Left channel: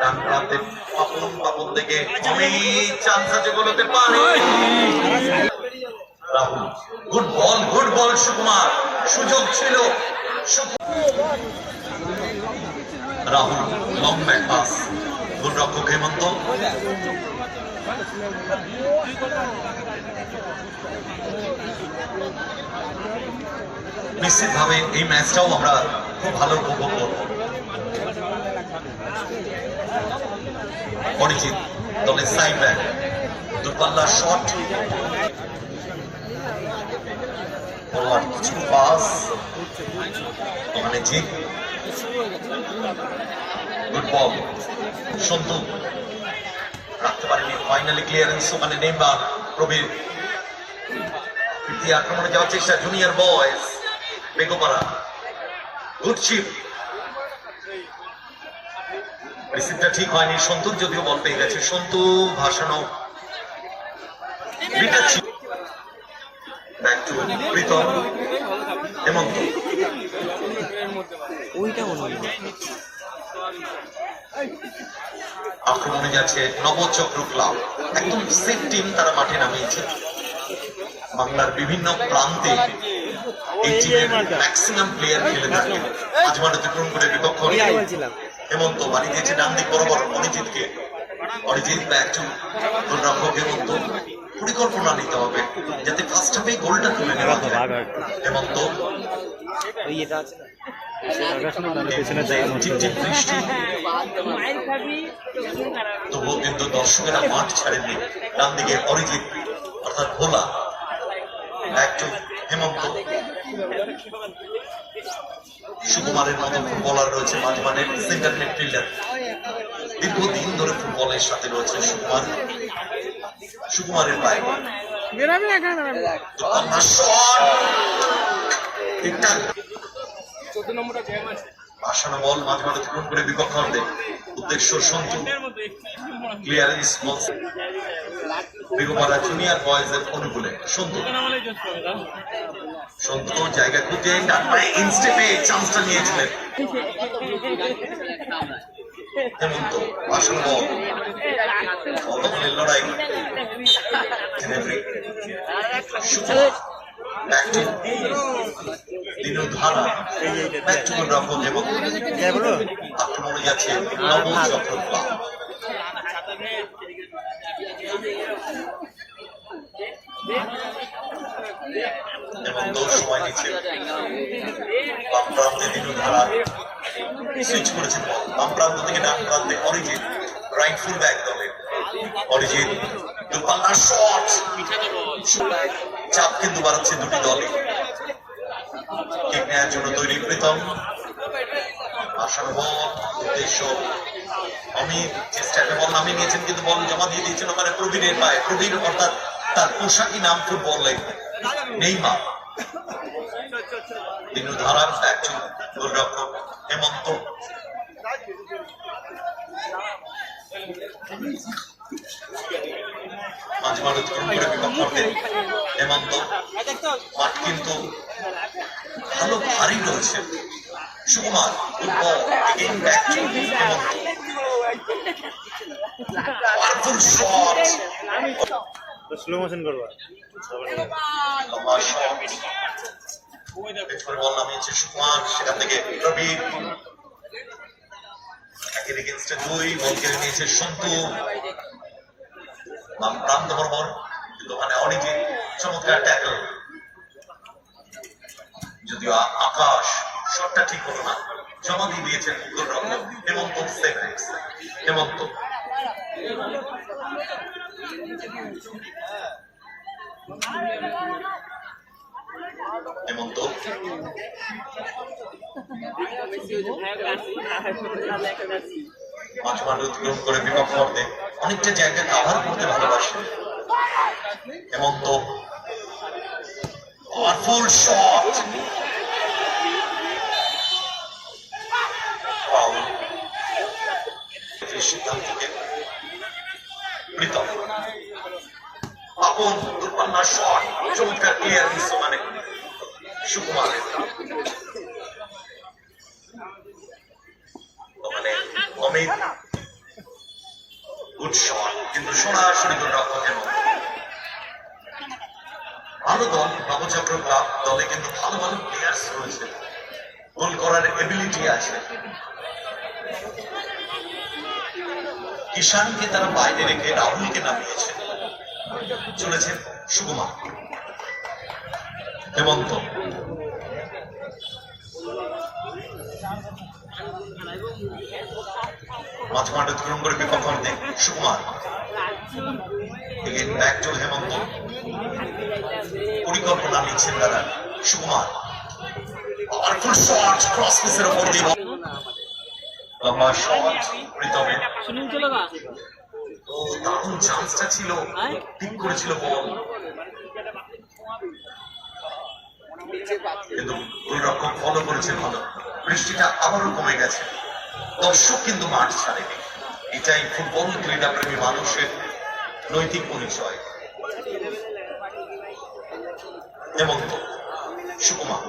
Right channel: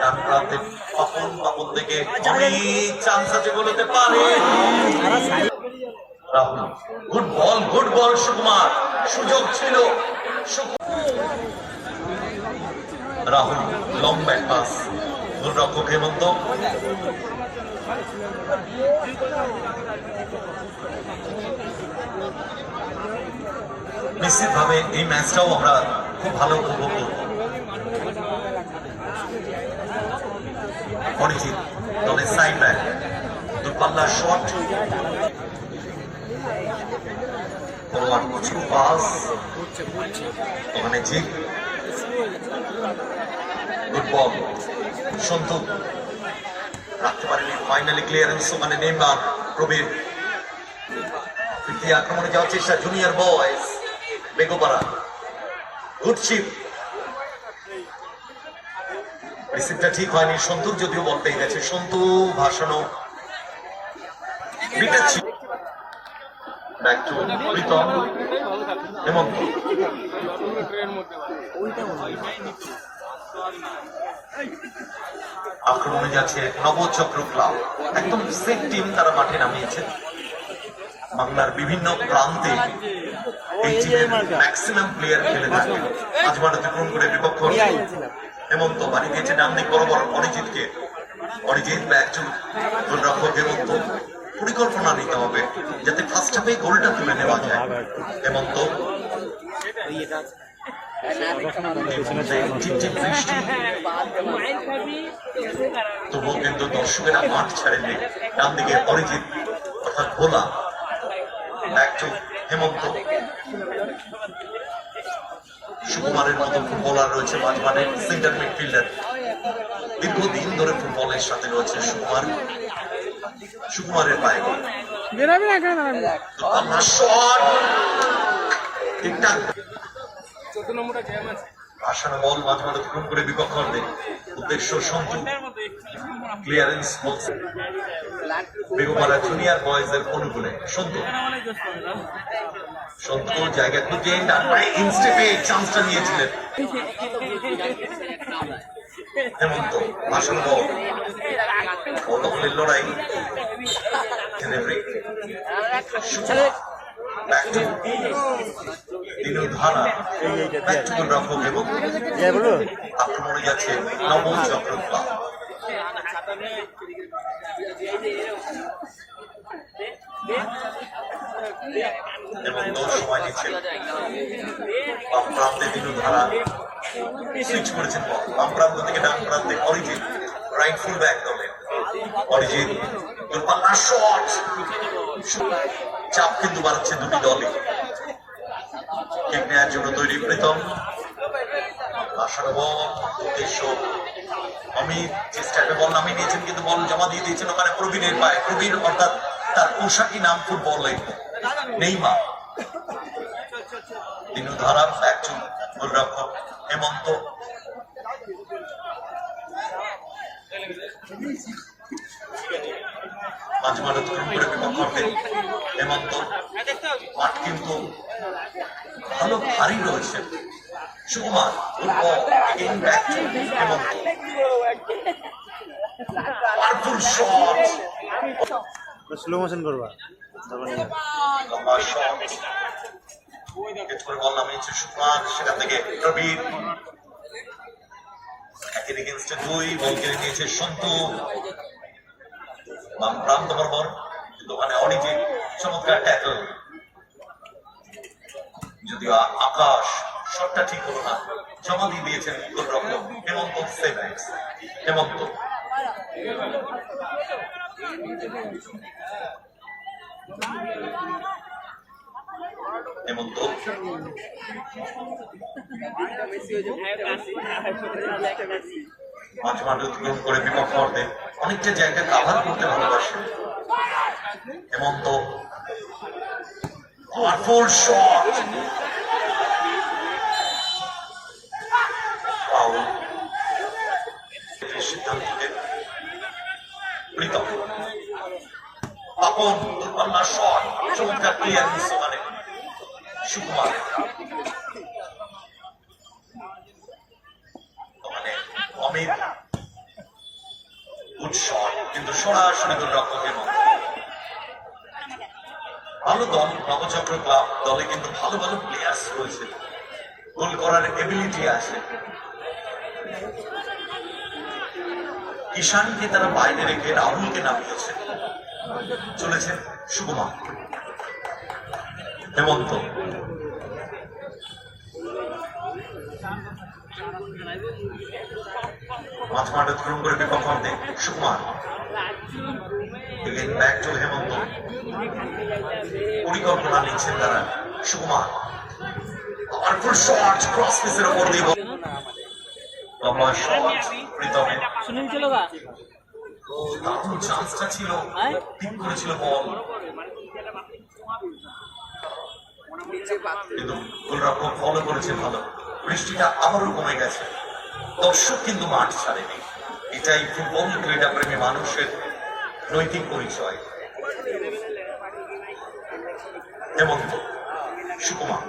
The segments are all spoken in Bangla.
ডান প্রান্তে পাপন থেকে চান্স আছে গোলতে পারে রাহুল। গুড বল সুকুমার, সুযোগ ছিল। রাহুল লং ব্যাক পাস, গোলরক্ষক হেমন্ত। নিশ্চিতভাবে এই ম্যাচটাও আমরা খুব ভালো উপভোগ করব। অরিজিৎ দলের সাইড ব্যাক, দুপাল্লার শট, কিছু পাস ওখানে জি। গুড বল সন্তু, রাখতে পারেনি, ফাইনালি ক্লিয়ারেন্স ওখানে নেমবা প্রবীর। তৃতীয় আক্রমণে যাওয়ার চেষ্টা জুনিয়র বয়েজ বেগোপাড়া। গুড শিপ, রিসিভটা ঠিক হয়নি, সন্তুর যদিও বল পেয়ে গেছে। সন্তু ভাসানো, ব্যাক টু প্রীতম, হেমন্ত। আক্রমণে যাচ্ছে নবচক্র ক্লাব, একদম সেফ টিম তারা মাঠে নামিয়েছে। বাংলার বিভিন্ন প্রান্তে এই টিমের ম্যাক্সিমাম প্লেয়ার খেলে থাকে। মাঝ মাঠ অতিক্রম করে বিপক্ষ হেমন্ত বাড়ি দিয়েছে ডান দিক বরাবর অরিজিৎকে। অরিজিৎ ব্যাক টু গোলরক্ষক হেমন্ত। পরিকল্পনা নিতে হবে যাতে ফার্স্ট হাফে গোলটা তুলে নেওয়া যায়। হেমন্ত, বৃষ্টি তবুও কিন্তু দর্শকেরা মাঠ ছাড়েননি। ডান দিকে অরিজিৎ অর্থাৎ ভোলা, ব্যাক টু হেমন্ত। সুকুমারের মতো ফুটবলার রয়েছে মাঝ মাঠের সেন্টার মিডফিল্ডার, দীর্ঘদিন ধরে ফুটবলের সাথে রয়েছে সুকুমার। সুকুমারের পায়ে ভাসানো বল মাঝ মাঠ অতিক্রম করে বিপক্ষ উদ্দেশ্য সন্তু। ক্লিয়ারেন্স বেগোপাড়া জুনিয়র বয়েজের অনুকূলে সন্তু। সন্তু জায়গা খুঁজে ইনস্টেটে চান্সটা নিয়েছিলেন হেমন্ত। ভাসানো বল, অতগুলির লড়াই, ধারা ব্যাক টু গোলরক্ষক এবং আক্রমণে যাচ্ছে নবচক্র ক্লাব। এবং দোষ সময় নিচ্ছে বাম প্রান্তে দিনু ধারা সুইচ করেছেন বল, বাম প্রান্ত থেকে ডান প্রান্তে অরিজিৎ, রাইট ফুল ব্যাক দলে অরিজিৎ। দুপাল্লার শট, চাপ কিন্তু বাড়াচ্ছে দুটি দলে। কিক নেওয়ার জন্য তৈরি প্রীতম। আসার বল উদ্দেশ্য অমিত, চেষ্টা করে বল নামিয়ে নিয়েছেন কিন্তু বল জমা দিয়ে দিয়েছেন ওখানে প্রবীণের পায়ে। প্রবীণ অর্থাৎ তার পোশাকি নাম ফুটবলে নেইমার। দিনু ধারা একজন গোলরক্ষক হেমন্ত। মাঝে মাঠ অতিক্রম করে বিপক্ষে হেমন্ত। মাঠ কিন্তু ভালো ভারী রয়েছে। Sukumar football back to Hemanta. Slow motion করবা, লম্বা শট, বল নামিয়েছে সুকুমার, সেখান থেকে প্রবীর। একের এগেইনস্টে দুই, বল কেড়ে নিয়েছে সন্তু বাম প্রান্ত বরাবর, কিন্তু ওখানে অরিজিৎ চমৎকার ট্যাকল। যদিও আকাশ শটটা ঠিক হলো না, জমা দিয়ে দিয়েছেন গোলরক্ষক হেমন্ত। হেমন্ত হেমন্ত মাঝ মাঠ অতিক্রম করে বিপক্ষ অর্ধে অনেকটা জায়গা কাভার করতে ভালোবাসে হেমন্ত। পাওয়ারফুল শট, সিদ্ধান্তকে প্রীতম। আপন দুর্পাল্লার শট, চমৎকার ক্লিয়ারেন্স মানে সুকুমার। ওখানে অমিত গুড শট, কিন্তু সরাসরি গোলরক্ষকের মধ্যে। ভালো দল নবচক্র ক্লাব, দলে কিন্তু ভালো ভালো প্লেয়ার্স রয়েছে, গোল করার এবিলিটি আছে। ঈশানকে তারা বাইরে রেখে রাহুলকে নামিয়েছে, চলেছেন সুকুমার, হেমন্ত, মাঝ মাঠ অতিক্রম করে বিপক্ষে সুকুমার, ব্যাক টু হেমন্ত, পরিকল্পনা নিচ্ছেন তারা। সুকুমার পাওয়ারফুল শট, ক্রস পিসের উপর দিয়ে লম্বা শট প্রীতমের, দারুণ চান্সটা ছিল, ঠিক করেছিল বল, কিন্তু গোলরক্ষক ফলো করেছে ভালো। বৃষ্টিটা আবারও কমে গেছে, দর্শক কিন্তু মাঠ ছাড়েনি। এটাই ফুটবল ক্রীড়া প্রেমী মানুষের নৈতিক পরিচয়। হেমন্ত, সুকুমার,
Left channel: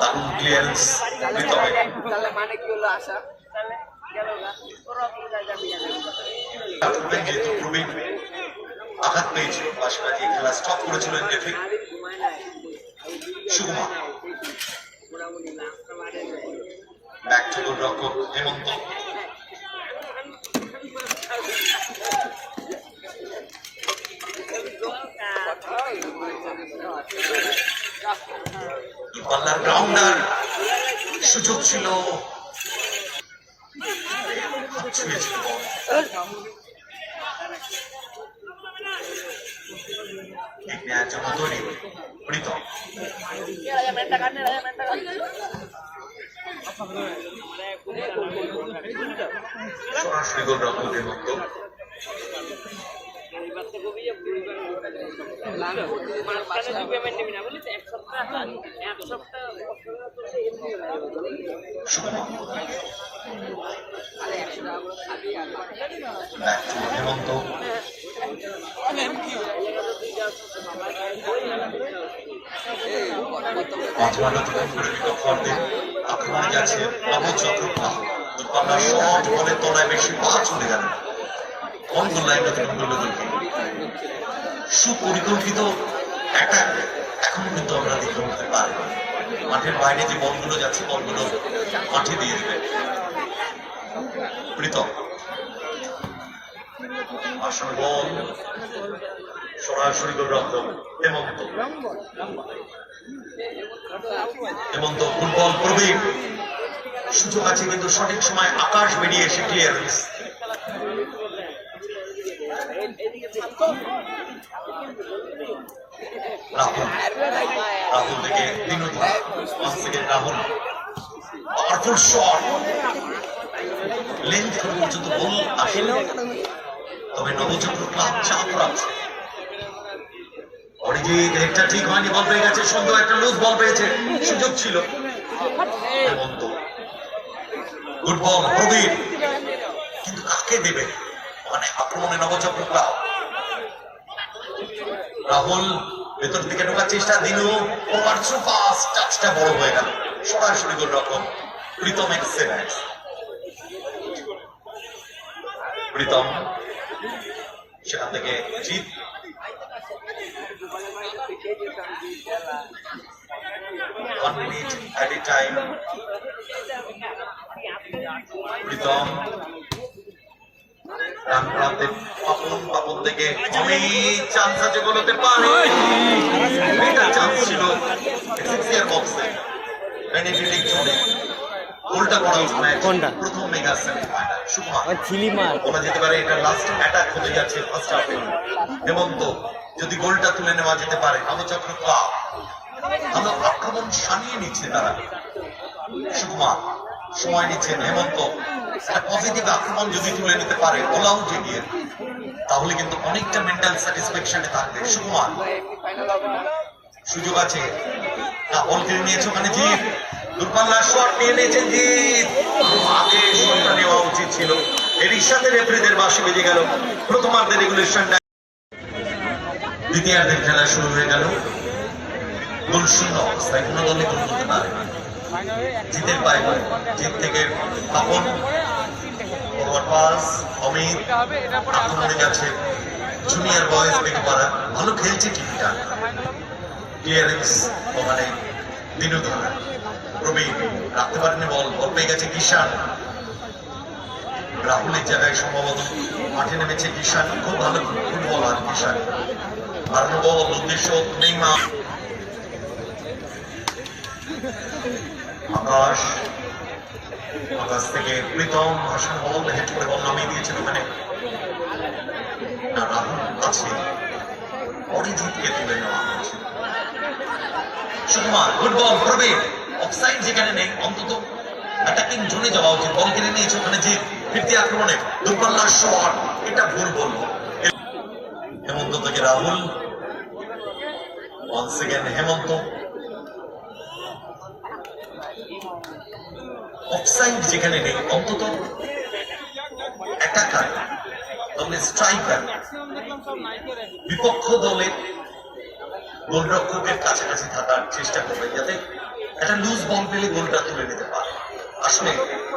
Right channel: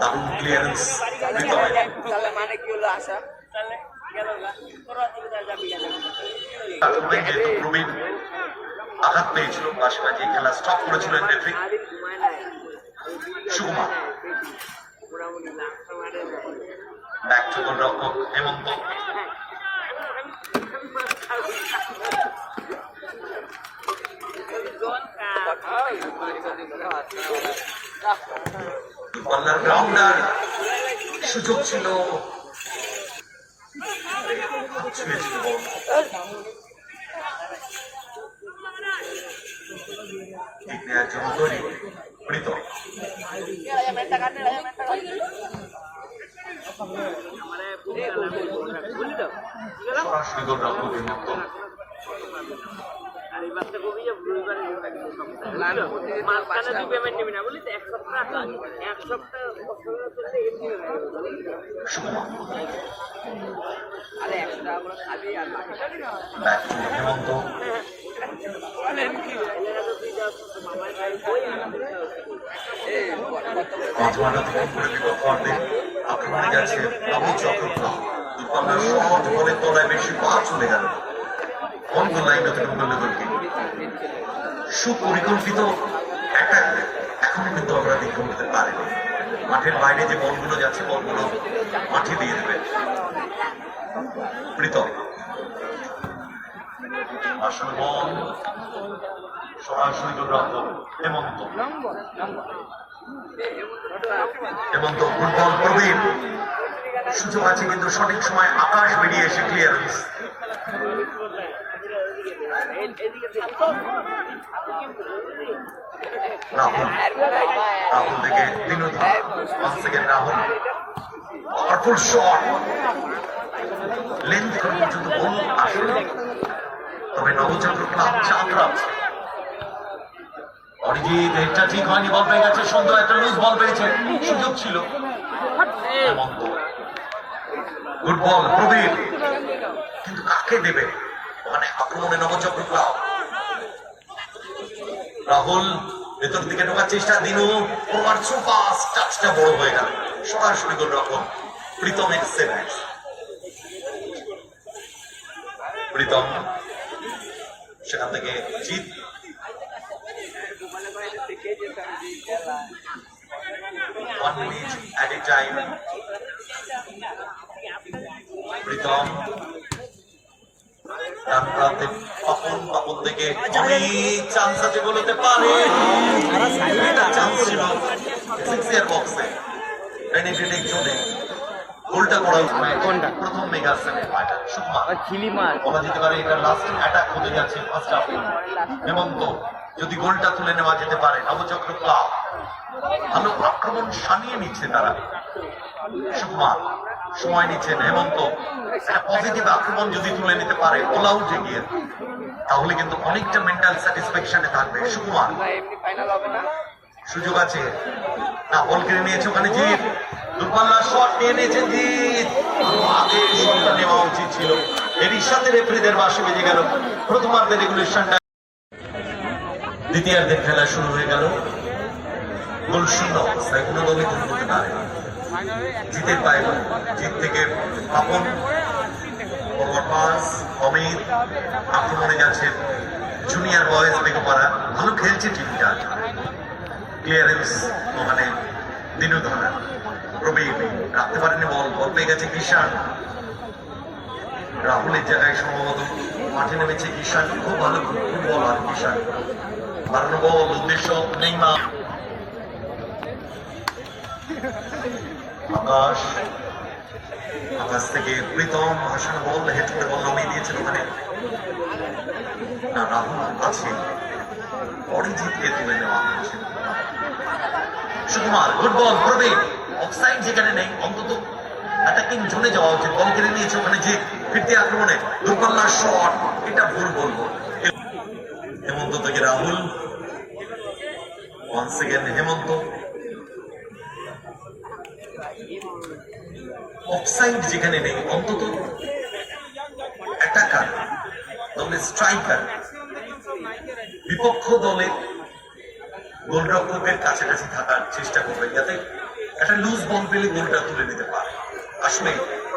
দারুণ ক্লিয়ারেন্স প্রীতমের, যেহেতু প্রবীণ আঘাত পেয়েছিল, পাশে বাজিয়ে খেলা স্টপ করেছিলেন রেফারি। সুকুমার, ব্যাক টু গোলরক্ষক হেমন্ত, কর্নার গ্রাউন্ডার, সুযোগ ছিল, ছুঁয়েছিল বল। ঠিক নেওয়ার জন্য তৈরি প্রীতম, সরাসরি গোলরক্ষকের মতো। সুকুমার, ব্যাক টু হেমন্ত, আক্রমণে যাচ্ছে নবচক্র ক্লাব। কর্নার শট, বলের তলায় বেশি পা চলে গেল, অন গোল লাইন অতিক্রম করলে দলটি। সুপরিকল্পিত অ্যাটাক এখনো কিন্তু আমরা দেখে উঠতে পারি। মাঠের বাইরে যে বলগুলো যাচ্ছে, বলগুলো মাঠে দিয়ে দেবে প্রীতম। আসল বল, সরাসরি গোলরক্ষক হেমন্ত, হেমন্ত ফুটবল প্রবীণ, সুযোগ আছে কিন্তু সঠিক সময় আকাশ বেরিয়ে এসে ক্লিয়ারেন্স। রাহুল, রাহুল থেকে Binod, 1 second Rahul, powerful shot, length পর্যন্ত বল আসলে, তবে নবচক্র ক্লাব চাপ রাখছে। অরিজিৎ হেডটা ঠিক হয়নি, বল পেয়ে গেছে, সুন্দর একটা লুজ বল পেয়েছে, সুযোগ ছিল। হেমন্ত, গুড বল প্রবীণ, কিন্তু কাকে দেবে মানে আক্রমণে নবচক্র ক্লাব। রাহুল ভেতর দিকে ঢোকার চেষ্টা, দিনু পাস, টাচটা বড় হয়ে গেল, সরাসরি গোলরক্ষক প্রীতম এক্সেলেন্স। প্রীতম সেখান থেকে জিত, one minute at a time. Pritam ডান প্রান্তে পাপন, পাপন থেকে অনেক চান্স আছে, গোল হতে পারে, চান্স ছিল সিক্সিয়ার বক্সে, বেনিফিটিং জোনে গোলটা করা উচিত। প্রথম মেগা সেমিফাইনাল সুকুমার, বলা যেতে পারে এটা লাস্ট অ্যাটাক হতে যাচ্ছে ফার্স্ট হাফে। হেমন্ত, যদি গোলটা তুলে নেওয়া যেতে পারে, নবচক্র ক্লাব ভালো আক্রমণ সানিয়ে নিচ্ছে তারা। সুকুমার সময় নিচ্ছেন, হেমন্ত একটা পজিটিভ আক্রমণ যদি তুলে নিতে পারে অল আউটে গিয়ে, তাহলে কিন্তু অনেকটা মেন্টাল স্যাটিসফ্যাকশনে থাকবে। সুকুমার, সুযোগ আছে না, বল কেড়ে নিয়েছে ওখানে জিৎ, দূরপাল্লার শট নিয়ে নিয়েছেন জিৎ, আগে শটটা নেওয়া উচিত ছিল। এরই সাথে রেফারিদের বাঁশি বেজে গেল। প্রথমার্ধের রেগুলেশনটা, দ্বিতীয়ার্ধের খেলা শুরু হয়ে গেল। গোল শূন্য অবস্থায়, কোনো দলে গোল করতে পারে না। জিতের পায়, জিত থেকে পাপন, ফরওয়ার্ড পাস অমিত, আক্রমণে যাচ্ছে জুনিয়র বয়েজ বেগপাড়া, ভালো খেলছে টিমটা। ক্লিয়ারেন্স মানে দিনুধর, প্রবীণ রাখতে পারেনি বল, বল পেয়ে গেছে কিষান। রাহুলের জায়গায় সম্ভবত মাঠে নেমেছে কিষান, খুব ভালো ফুটবলার কিষান। আর বল উদ্দেশ্য নেইমার, আকাশ, আকাশ থেকে প্রীতম ভাষণ বল হেঁটে বল নামিয়ে দিয়েছিল ওখানে। রাহুল আছে, অরিজিৎকে তুলে নেওয়া হয়েছে। সুকুমার, গুড বল, প্রবীণ অফসাইড যেখানে নেই, অন্তত অ্যাটাকিং জোনে যাওয়া উচিত। বল কেড়ে নিয়েছে ওখানে যে ফিরতি আক্রমণে দুর্বলার শট, এটা ভুল বল। হেমন্ত থেকে রাহুল, ওয়ান্স এগেন হেমন্ত। অফসাইড যেখানে নেই, অন্তত অ্যাটাকার তবে স্ট্রাইকার বিপক্ষ দলে গোলরক্ষকের কাছাকাছি থাকার চেষ্টা করবে, যাতে একটা লুজ বল পেলে গোলটা তুলে নিতে পারে। আসলে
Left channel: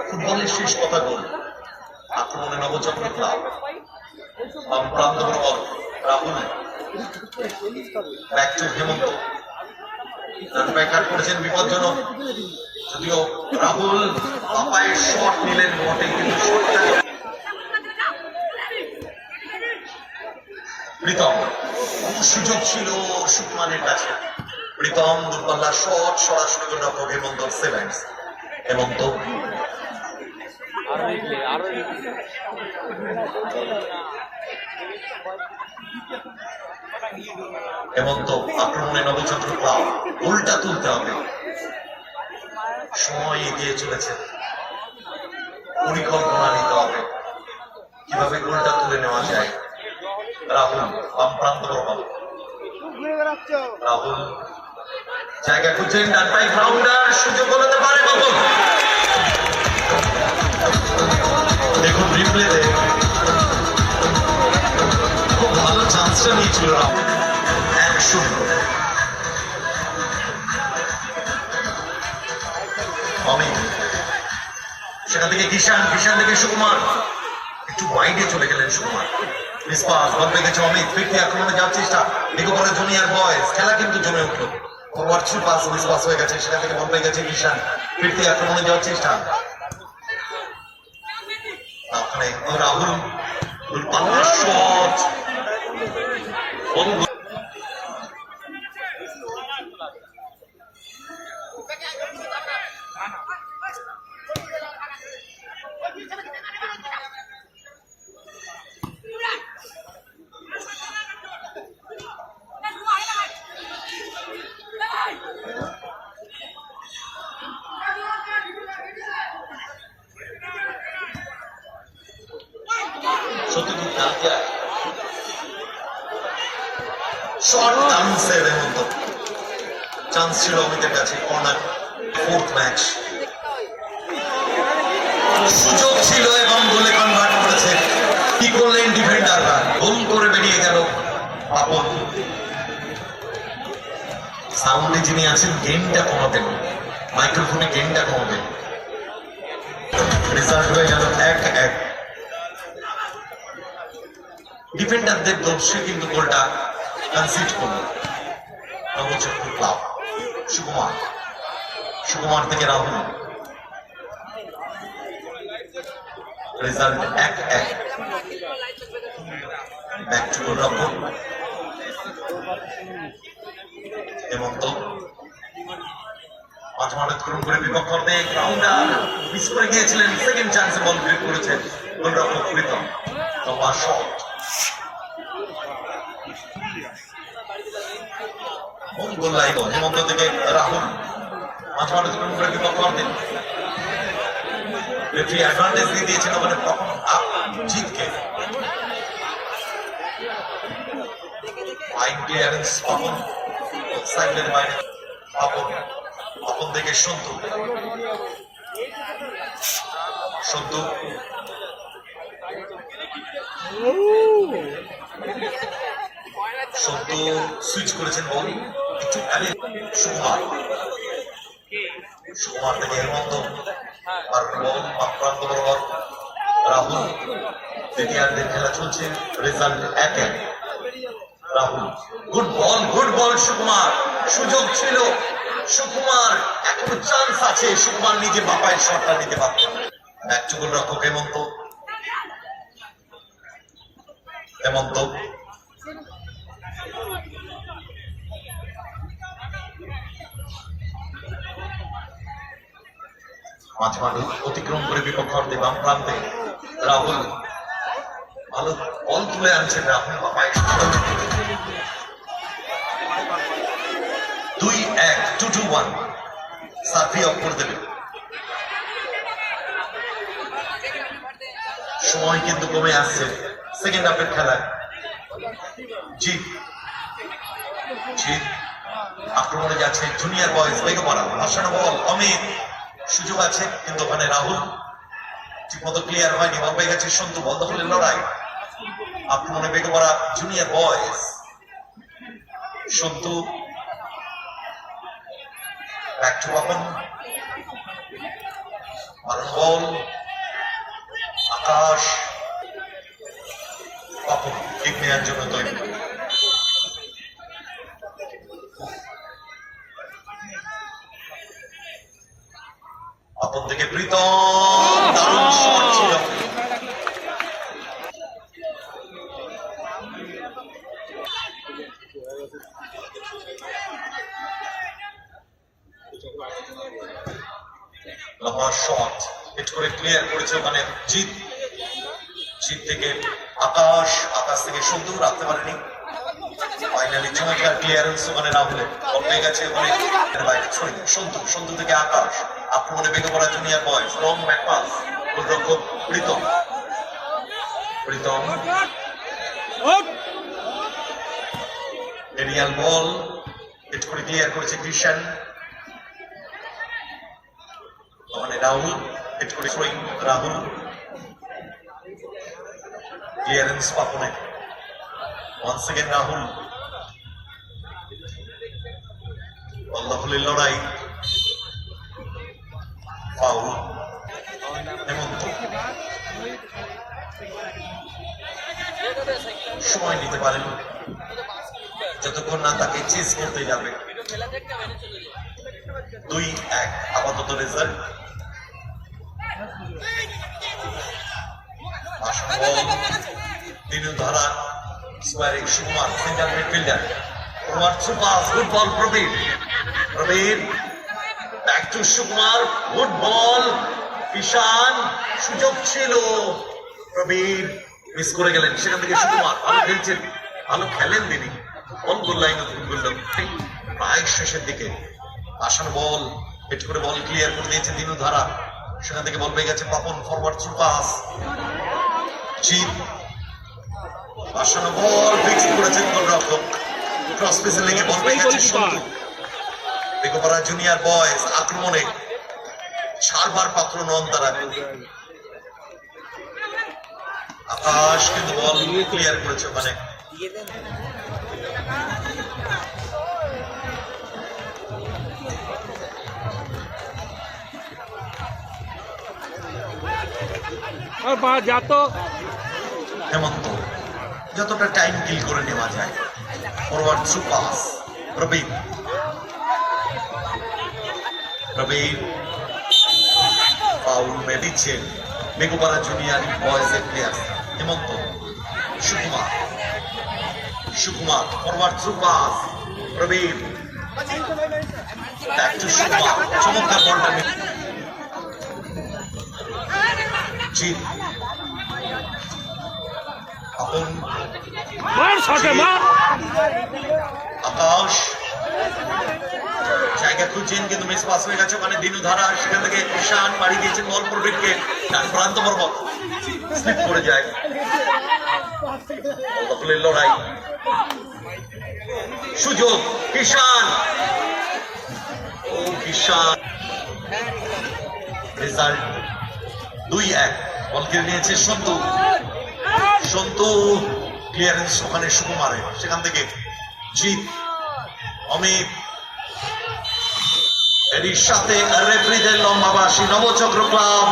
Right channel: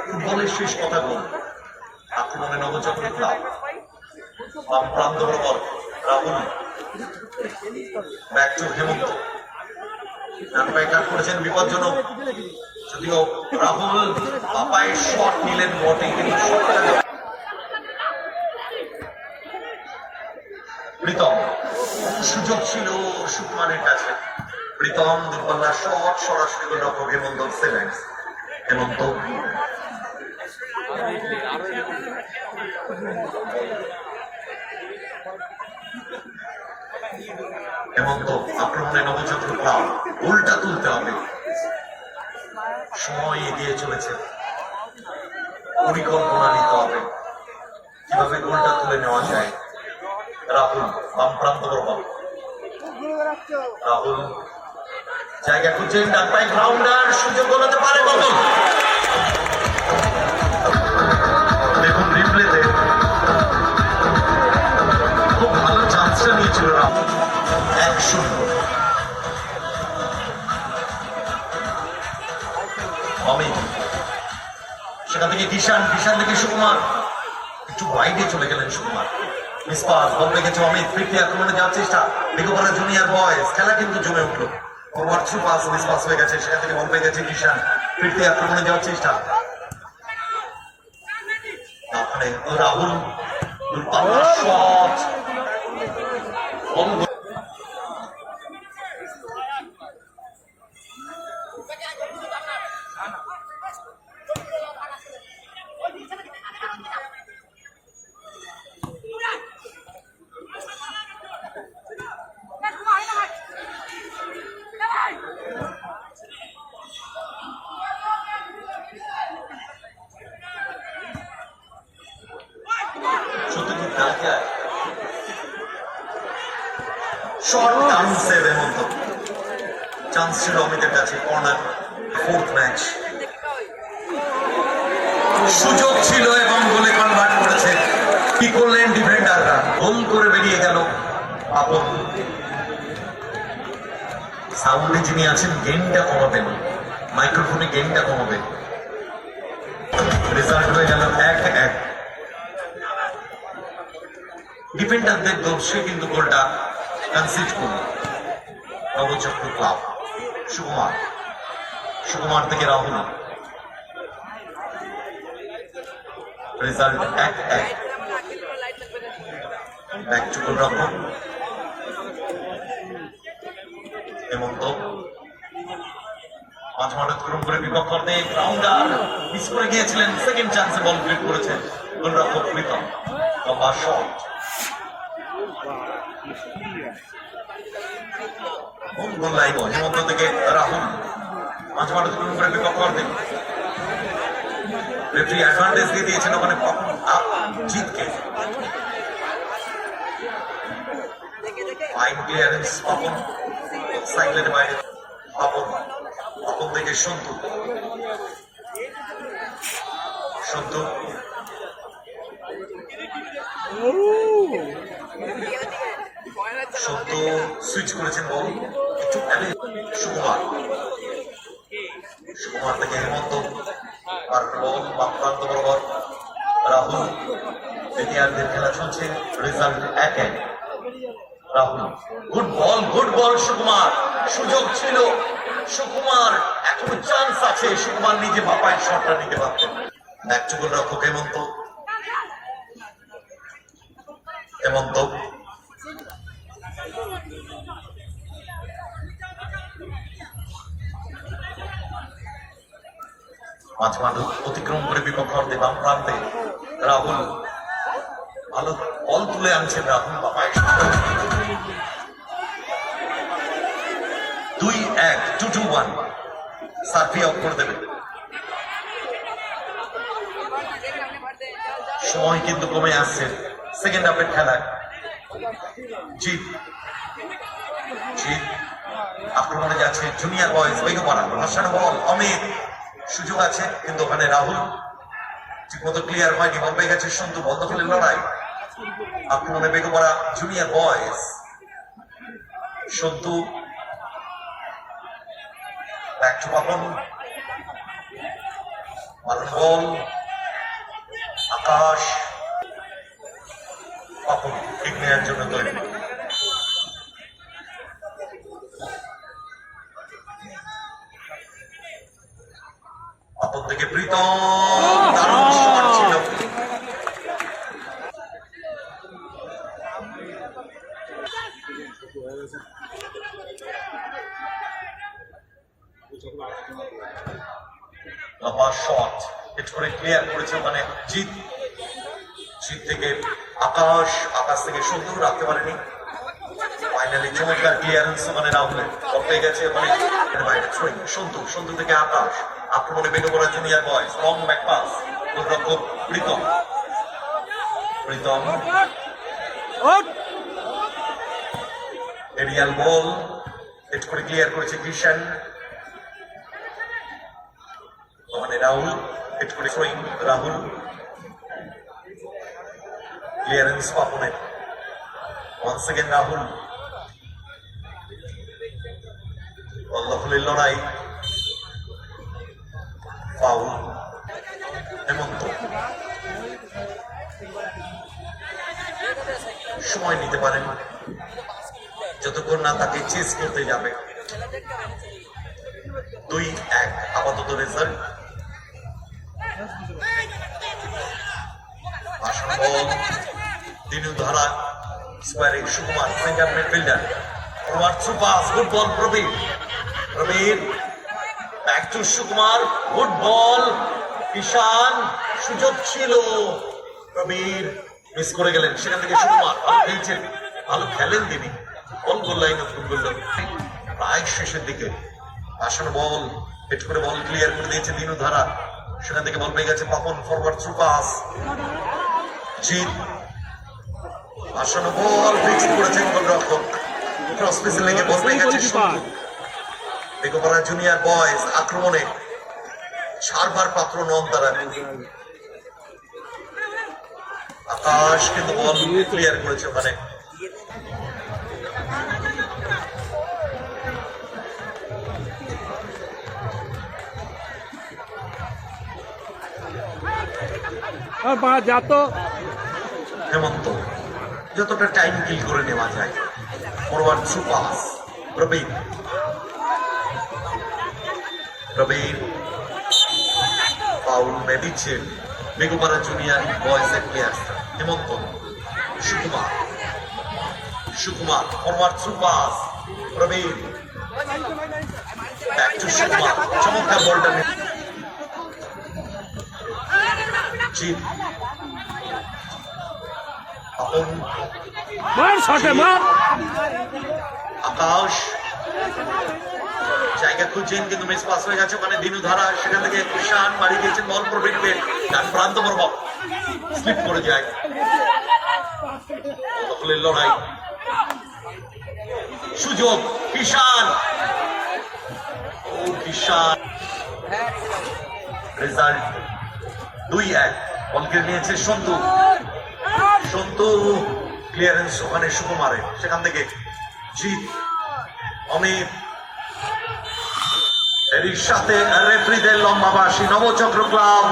ফুটবলের শেষ কথা গোল। আক্রমণে নবচক্র ক্লাব, বাম প্রান্ত বরাবর রাহুল, ব্যাক টু হেমন্ত, ডান পায়ে কাট করেছেন বিপজ্জনক, যদিও রাহুল পাপায়ের শট নিলেন বটে, কিন্তু প্রীতম সুযোগ ছিল সুকুমারের কাছে। প্রীতম দুর্বলার শট সরাসরি গোলরক্ষক হেমন্ত সেভেন্স। হেমন্ত হেমন্ত আক্রমণে নবচন্দ্র ক্লাব, গোলটা তুলতে হবে। সময় এগিয়ে চলেছে, পরিকল্পনা নিতে হবে কিভাবে গোলটা তুলে নেওয়া যায়। রাহুল বাম প্রান্ত বরাবর, রাহুল জায়গা খুঁজছেন, ডান পায়ে গ্রাউন্ডার, সুযোগ হতে পারে বদল। দেখুন রিপ্লেতে খুব ভালো চান্সটা নিয়েছিল রাহুল। 1-0 অমিত, সেখান থেকে কিষান, কিষান থেকে সুকুমার, একটু ওয়াইডে চলে গেলেন সুকুমার। মিসপাস, বল পেয়ে গেছে অমিত, ফিরতি আক্রমণে যাওয়ার চেষ্টা, বেগপাড়া জুনিয়র বয়েজ, খেলা কিন্তু জমে উঠলো। ফরওয়ার্ড থ্রু পাস মিসপাস হয়ে গেছে, সেখান থেকে বল পেয়ে গেছে কিষান, ফিরতি আক্রমণে যাওয়ার চেষ্টা। ওখানে রাহুল দুর্পাল্লার শট, সত্যজিৎ দালকে শর্ট চান্সের হেমন্ত, চান্স ছিল অমিতের কাছে, কর্নার। ফোর্থ ম্যাচ, সুযোগ ছিল এবং গোলে কনভার্ট করেছে। কি করলেন ডিফেন্ডাররা, গোল করে বেরিয়ে গেল আপন। সাউন্ডে যিনি আছেন গেমটা কমাবেন, মাইক্রোফোনে গেমটা কমাবেন। রেজাল্ট হয়ে গেল 1-1। ডিফেন্ডারদের দোষে কিন্তু গোলটা কনসিড করলো নবচক্র ক্লাব। সুকুমার, সুকুমার থেকে রাহুল, রেজাল্ট 1-1। ব্যাক টু গোলরক্ষক হেমন্ত, মাঝ মাঠ অতিক্রম করে বিপক্ষ অর্ধে গ্রাউন্ডার, মিস করে গিয়েছিলেন, সেকেন্ড চান্সে বল ক্রিয়েট করেছেন গোলরক্ষক প্রীতম। লম্বা শট, গোল লাইন হেমন্ত থেকে রাহুল, মাঝ মাঠ অতিক্রম করে বিপক্ষ অর্ধে। রেফারি অ্যাডভান্টেজ দিয়ে দিয়েছেন ওখানে জিতকে। ফাইন ক্লিয়ারেন্স পাপন, সাইডলাইনের বাইরে পাপন, পাপন থেকে সন্তু, সন্তু সন্তু সুইচ করেছেন বল একটু সুকুমার, সুকুমার থেকে হেমন্ত, আর বল বাম প্রান্ত বরাবর রাহুল দ্বিতীয়ার্ধের খেলা চলছে, result 1-1। Rahul good ball Sukumar, সুযোগ ছিল সুকুমার, এখনো চান্স আছে, সুকুমার নিজে বাপায় শটটা নিতে পারতেন। একটু গোলরক্ষক হেমন্ত মাঝমাঠ অতিক্রম করে বিপক্ষ অর্ধে বাম প্রান্তে রাহুল ভালো বল তুলে আনছেন। রাহুল বাপায় 2-1, 2-1 সার্ভি অফ করে দেবে। সময় কিন্তু কমে আসছে সেকেন্ড হাফের খেলায়। জিত আক্রমণে যাচ্ছে জুনিয়র বয়েজ বেগপাড়া, ভাসানো বল অমিত, সুযোগ আছে কিন্তু ওখানে রাহুল ঠিক মতো ক্লিয়ার হয়নি, বল পেয়ে গেছে সন্তু, বল দখলের লড়াই, আক্রমণে Begpara junior boys. Santu back to Papon, ball Akash, Papon kick নেওয়ার জন্য তৈরি। পাপন থেকে প্রীতম, দারুণ শট ছিল। লম্বা শট হিট করে ক্লিয়ার করেছে ওখানে জিত থেকে আকাশ থেকে সুন্দর রাখতে পারেনি। ফাইনালি চমৎকার ক্লিয়ারেন্স ওখানে রাহুলের, বল পেয়ে গেছে ওখানে বাইরে সন্তু থেকে আকাশ, আক্রমণে বেগে পড়া junior boys, long back pass, গোলরক্ষক প্রীতম এরিয়াল বল হিট করে ক্লিয়ার করেছে কৃষণ, ওখানে রাহুল হিট করে রাহুল ক্লিয়ারেন্স পাপনের, ওয়ান্স এগেন রাহুল, বল দখলের লড়াই, ফাউল হেমন্ত, সময় নিতে পারেন যতক্ষণ না তাকে চেস করতে যাবে। 2-1 আপাতত রেজাল্ট। দিনু ধরা স্কোয়ারে সুকুমার, সেন্টার মিডফিল্ডার, কুমার সুপাস, good ball Prabir, back to Sukumar, good ball Kishan, সুযোগ ছিল, প্রবীর মিস করে গেলেন, সেখান থেকে সুকুমার ভালো খেলছেন, ভালো খেলেন তিনি, বল গোল লাইন প্রায় শেষের দিকে, আসানো বল হিট করে বল ক্লিয়ার করে দিয়েছে দিনু ধারা, সেখান থেকে বল পেয়ে গেছে পাপন, ফরওয়ার্ড থ্রু পাস, জিত আসানো বল ফিক্স করেছেন গোলরক্ষক, ক্রস পেসে লেগে বল পেয়ে গেছে সন্তু, বেগপাড়া জুনিয়র বয়েজ আক্রমণে 4বার পাত্র নন তারা। আকাশ কিন্তু বল ক্লিয়ার করেছে ওখানে, হেমন্ত যতটা টাইম কিল করে নেওয়া যায়, forward through pass, Prabir foul দিচ্ছেন বেগপাড়া জুনিয়র বয়েজের player Hemant, Sukumar forward through pass, Prabir back to Sukumar, চমৎকার বলটা জিত আকাশ জায়গা খুঁজছেন কিন্তু মিস পাস হয়ে গেছে ওখানে দিনু ধারা, সেখান থেকে কৃষাণ মারি দিয়েছেন বল প্রবীরকে, প্রান্ত বরাবর স্লিপ করে যায়, লড়াই সুযোগ কৃষাণ, রেজাল্ট 2-1, বল কেড়ে নিয়েছে সন্তু ক্লিয়ারেন্স ওখানে সুকুমারের, সেখান থেকে জিত অমিত, এর সাথে রেফারিদের লম্বা বাঁশি, নবচক্র ক্লাব